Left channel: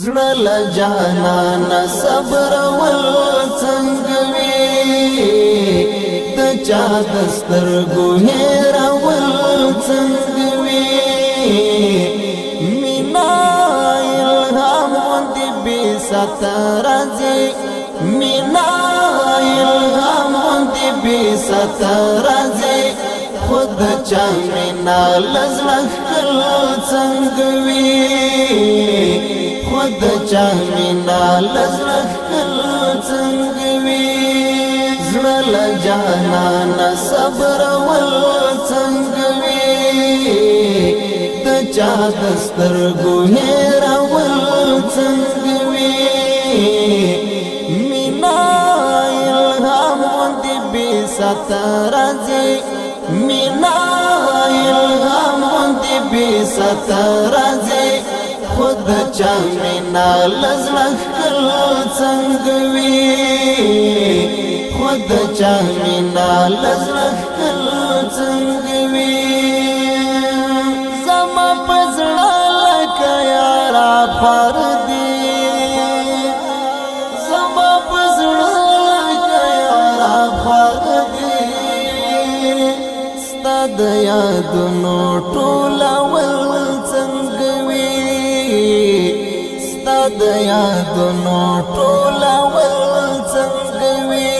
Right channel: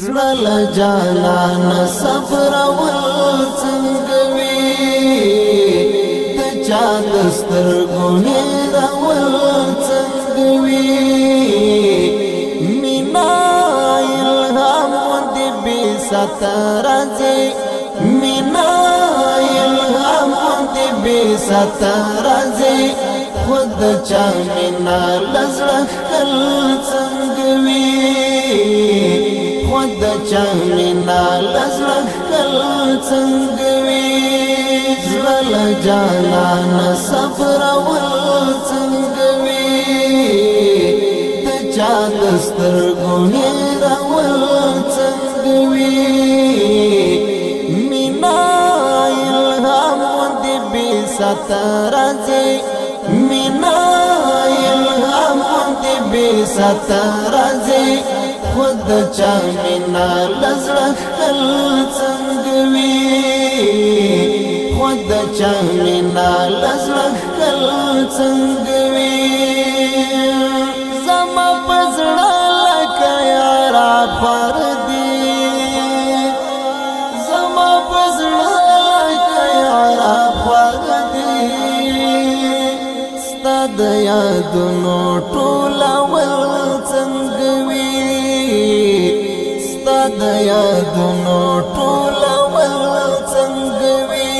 زړه جانان صبر ول څنګه وي د چا دسترګو هېر ول څنګه وي مینا الهام دې بي ستر ځي مینا الهام دې بي ستر ځي خود چا مینا لزړه خل څنګه وي خود چا مینا لزړه خل څنګه وي زړه جانان صبر ول څنګه وي د چا دسترګو هېر ول څنګه وي مینا الهام دې بي ستر ځي مینا الهام دې بي ستر ځي خود چا مینا لزړه خل څنګه وي خود چا مینا لزړه خل څنګه وي زما پزړه لکه یارا پر دی زما پزړه لکه یارا پر دی ستاد یادونو ټولول څنګه وي ستاد یادونو ټولول څنګه وي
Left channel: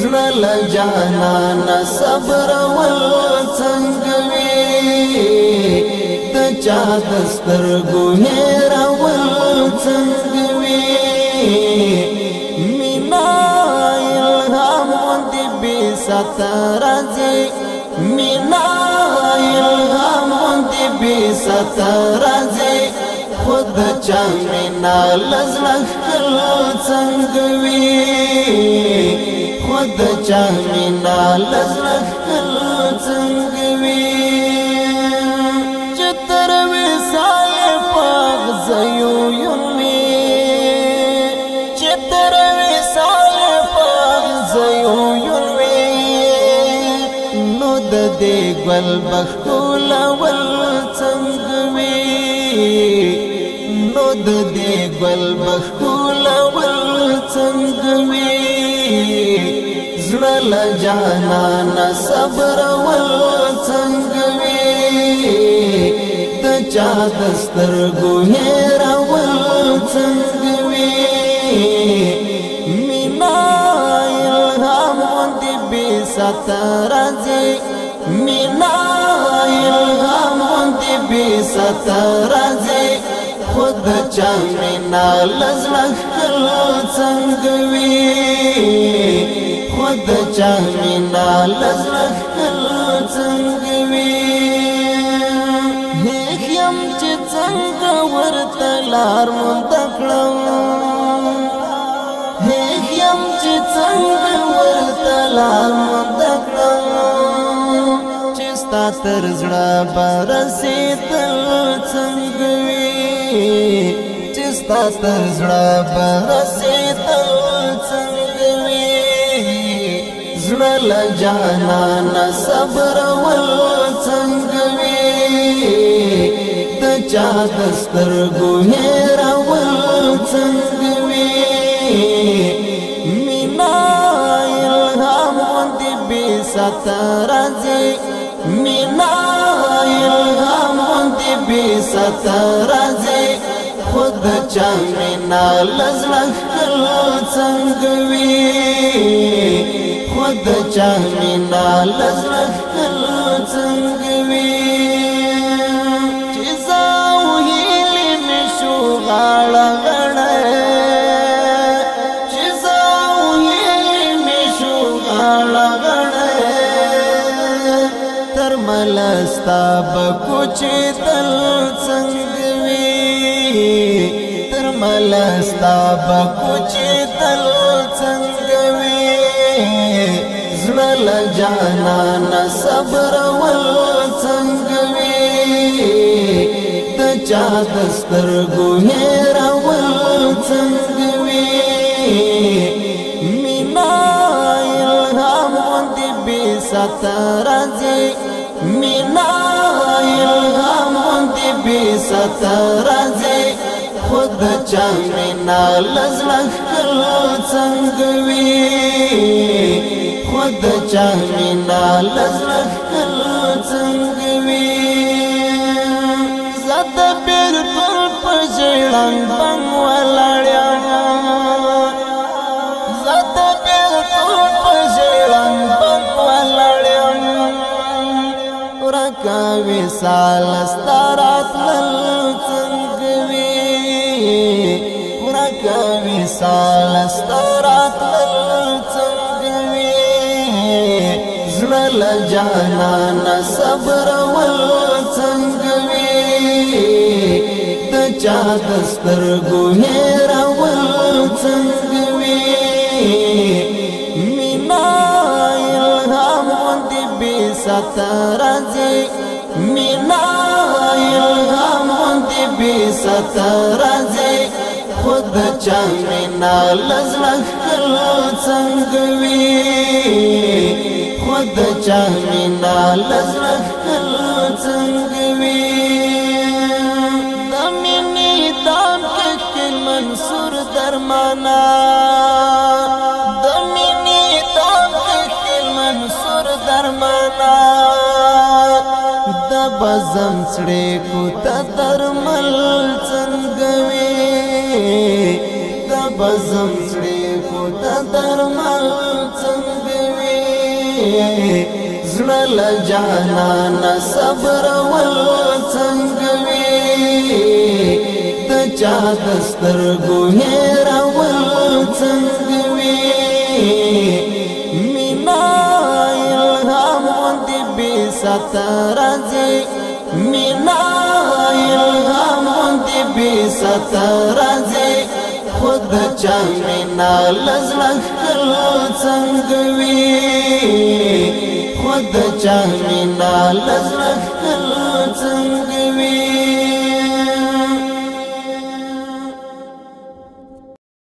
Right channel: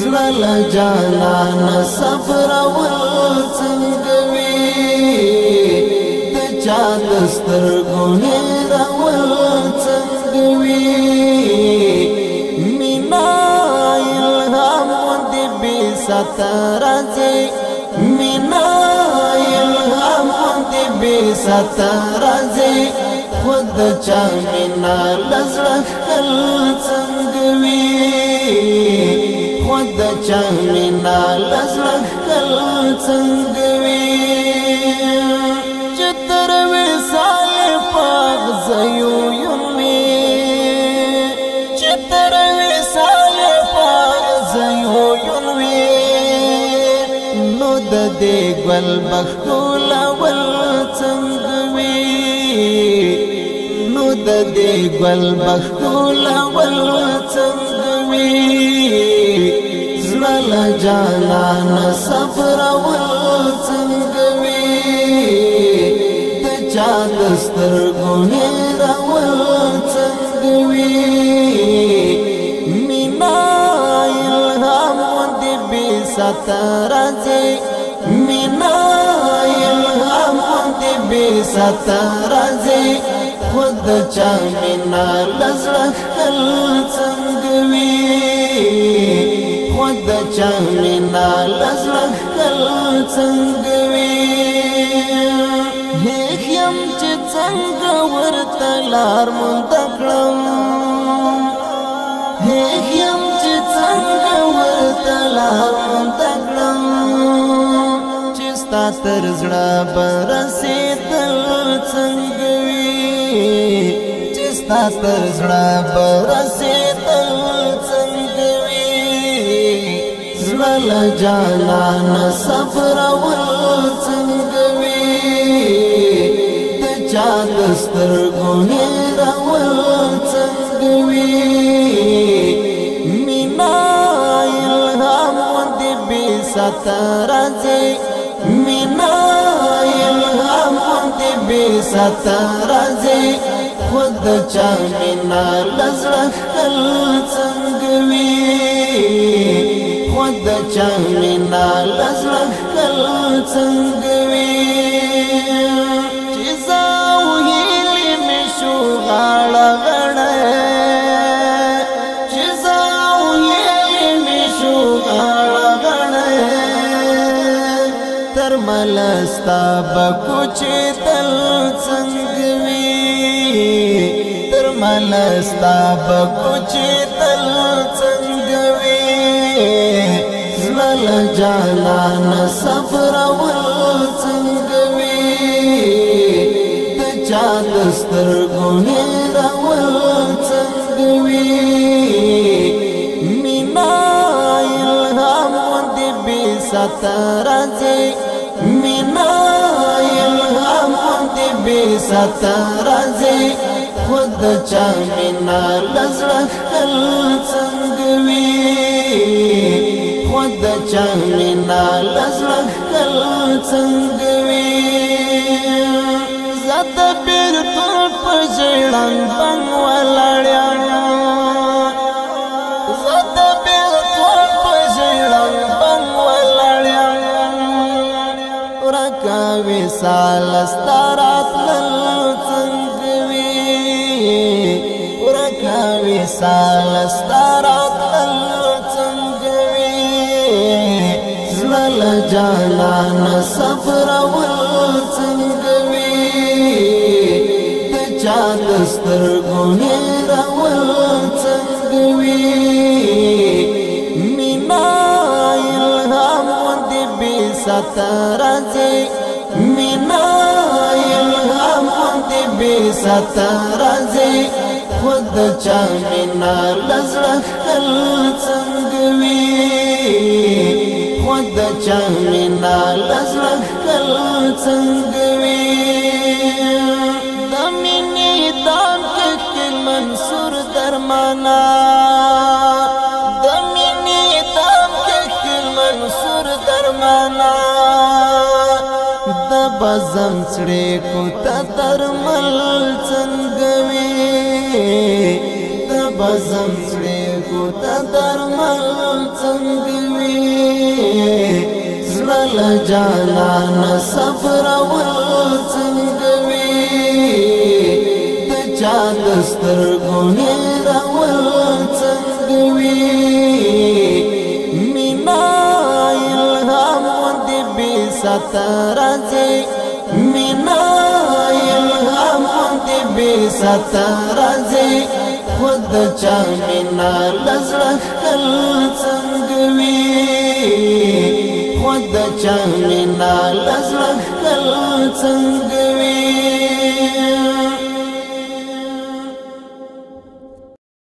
زړه جانان صبر ول څنګه وي د چا دسترګو هېر ول څنګه وي مینا الهام دې بي ستر ځي مینا الهام دې بي ستر ځي خود چا مینا لزړه خل څنګه وي خود چا مینا لزړه خل څنګه وي چې تر وصال پاغ زيو ينوي چې تر وصال پاغ زيو ينوي نو د دې ګل بخول ول څنګه وي نو د دې ګل بخول ول څنګه وي زړه جانان صبر ول څنګه وي د چا دسترګو هېر ول څنګه وي مینا الهام دې بي ستر ځي مینا الهام دې بي ستر ځي خود چا مینا لزړه خل څنګه وي خود چا مینا لزړه خل څنګه وي هیڅ يم چې څنګه ورته لار مونږ کړم هیڅ يم چې څنګه ورته لار مونږ کړم چې ستا تر زړه برسېدل څنګه وي چې ستا تر زړه برسېدل څنګه وي زړه جانان صبر ول څنګه وي د چا دسترګو هېر ول څنګه وي مینا الهام دې بي ستر ځي مینا الهام دې بي ستر ځي خود چا مینا لزړه خل څنګه وي خود چا مینا لزړه خل څنګه وي چې زاو هیلې مې شو غاړه غړې چې زاو هیلې مې شو غاړه غړې تر ملستا بکوچې تل څنګه وي تر ملستا بکوچې تل څنګه وي زړه جانان صبر ول څنګه وي د چا دسترګو هېر ول څنګه وي مینا الهام دې بي ستر ځي مینا الهام دې بي ستر ځي خود چا مینا لزړه خل څنګه وي خود چا مینا لزړه خل څنګه وي زد بیرته په ژړن بنګ ولاړم زد بیرته په ژړن بنګ ولاړم ورکا وصال ستارات لل څنګه ورکا وصال ستارات لل څنګه وي زړل جانان صبر ول څنګه وي د چا دسترګو هیر ول څنګه وي مینا الهام ودی بي سترځي مینا الهام ودی بي سترځي خود چا مینا لزړه خل څنګه وي خود چا مینا لزړه خل څنګه وي د مینې دام کې منصور درمانا د مینې دام کې منصور درمانا د بزم سړې کو ته درمل څنګه وي د بزم سړې کو ته درمل څنګه وي زړل جانان صبر ول څنګه وي د چا دسترګو هیر ول څنګه وي مینا الهام ودی بي سترځي مینا الهام ودی بي سترځي خود چا مینا لزړه خل څنګه وي خود چا مینا لزړه خل څنګه